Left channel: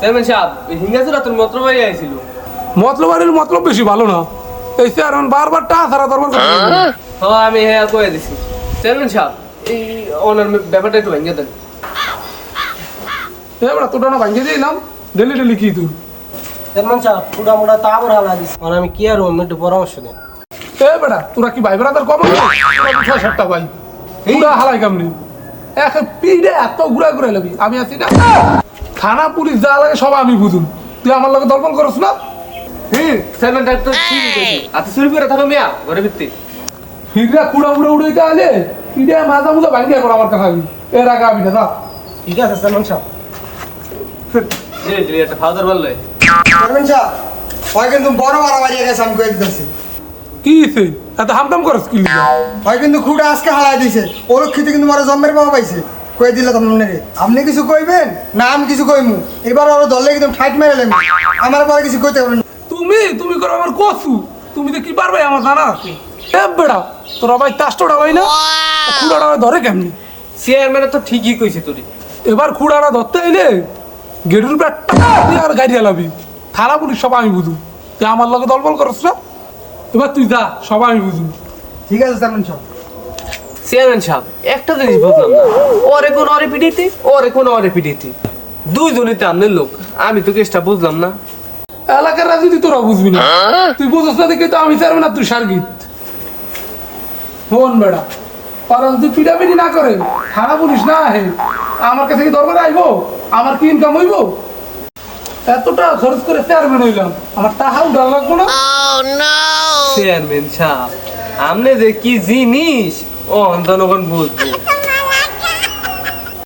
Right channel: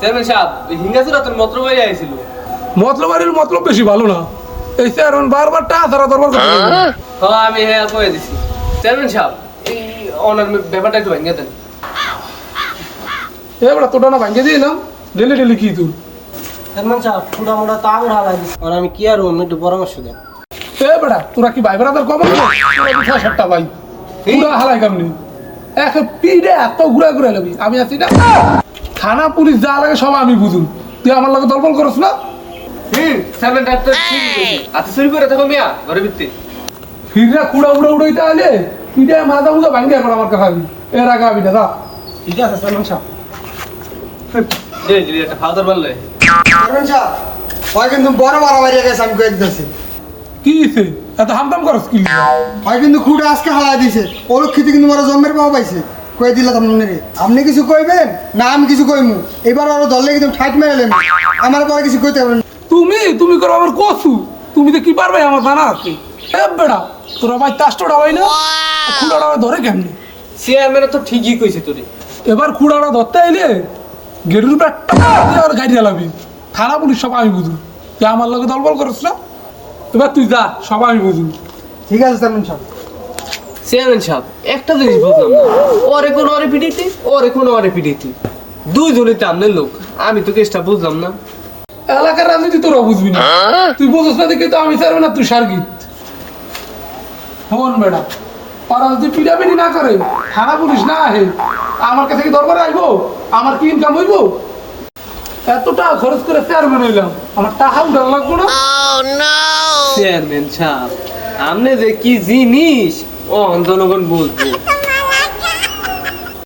Chairman সাহেব হিঙ্গাসুরা তোর মতলব ভাই আইছিল। মতলবাড়ির মতলব বেশি ভালো না। এই চেয়ারম্যান বারবার টাকা ছাড়া দরবার করে। হ্যাঁ আমি হ্যাঁ কয়ে দিছি। চেয়ারম্যান সাহেব এই ওনার ব্যাপারটা একটু ভেঙে দেন। এবার তোটা না ভাঙিয়ে দিয়ে নাম ডেলি ডেলি কি তোর? চেয়ারম্যান সাহেব পুরা মোটা তা আমরা লাগিস আর আমি কি আর একটু পরামর্শ দেন। এ বেটা তোরা কি ভাই বেড়াদার কম সাতটা ভাই পুরা হালাই কামনি এক পিড়ে এত ঘুরা ঘুরে লাগবি আমি আছি না। থানা পুলিশ যা লাগে সব আমি বুঝুন, তুই আমার লগে দলবল করছ না। চেয়ারম্যান ডাক্তার ঠিক আছে চুরি করে থাকো মিয়া ঘরে ভিত্তি। ফিররা কুড়া উড়ে উড়ে আইলে পিড়ে মাজা মুজা ভাঙি এখন আমার কাছে আমি এর আগে আমি না। ঠিক আছে চেয়ারম্যান সাহেব। দিলে দিলে একটা ফাউদার বানলে। চেয়ারম্যান সাহেব ওই কিন্তু বড় মারামারি গেছে আমি কয়ে দিতেছি। কি হয়েছে এত হামদাম করস কি? ওই কিন্তু খুঁটা আজকে হারাই দিছে অলক্ষিতে কিন্তু বড় জন্মের বাবা পাইছে কয়ে দিলে আপনার আপনি কিছু কইবেন না আমি কিছু কইমু এবার ওর দলে কিন্তু ফাইট মেরে লেন আমার পরে কিছু কইতে পারবেন না। তুমি তুমি করো আমার কসু, তুমি তো কি পারবে আমার জানা আছে। এ বেড়া তোরা ভাই তাস্টটা হয় না খুড়াটা ধরে কেমনি? চেয়ারম্যান তো ঠিকই কইছে তোরে। এবার খুড়াটা ধরতে আইলে গেরুর ব্যাগটা আর গাড়ি চালাবি। থানা পুলিশ সব আমি বুঝু, তুই আমার লগে দলবল করছ না। এবার তুই যা সব আমি বুঝু। ঠিক আছে চেয়ারম্যান সাহেব। চেয়ারম্যান সাহেব একটা জিনিস বুঝলাম না, ওরে কোন ওরে পিডিতে ওরে কোন ওরে পিডিতে দুইজনই তো আমনের লোক, আমি তো কেসটা বুঝলাম না। এলাকার রাজনীতি তোরা বুঝবি না, তুই বুঝছ না দেখে তো আমি চাইবে না তুই সার্গিত হন বেড়া। ওরা যদি পিরামিডি না করে থানা পুলিশ না আহে আমার কাছে কি দরবারে আইবো? আমার কি ইনকাম হইব? এতটা খরচ করে চেয়ারম্যান হইলাম, আমার টাকা উঠান লাগবো না? চেয়ারম্যান সাহেব আমনে যে কি জিনিস ও জনগণ বুঝবো।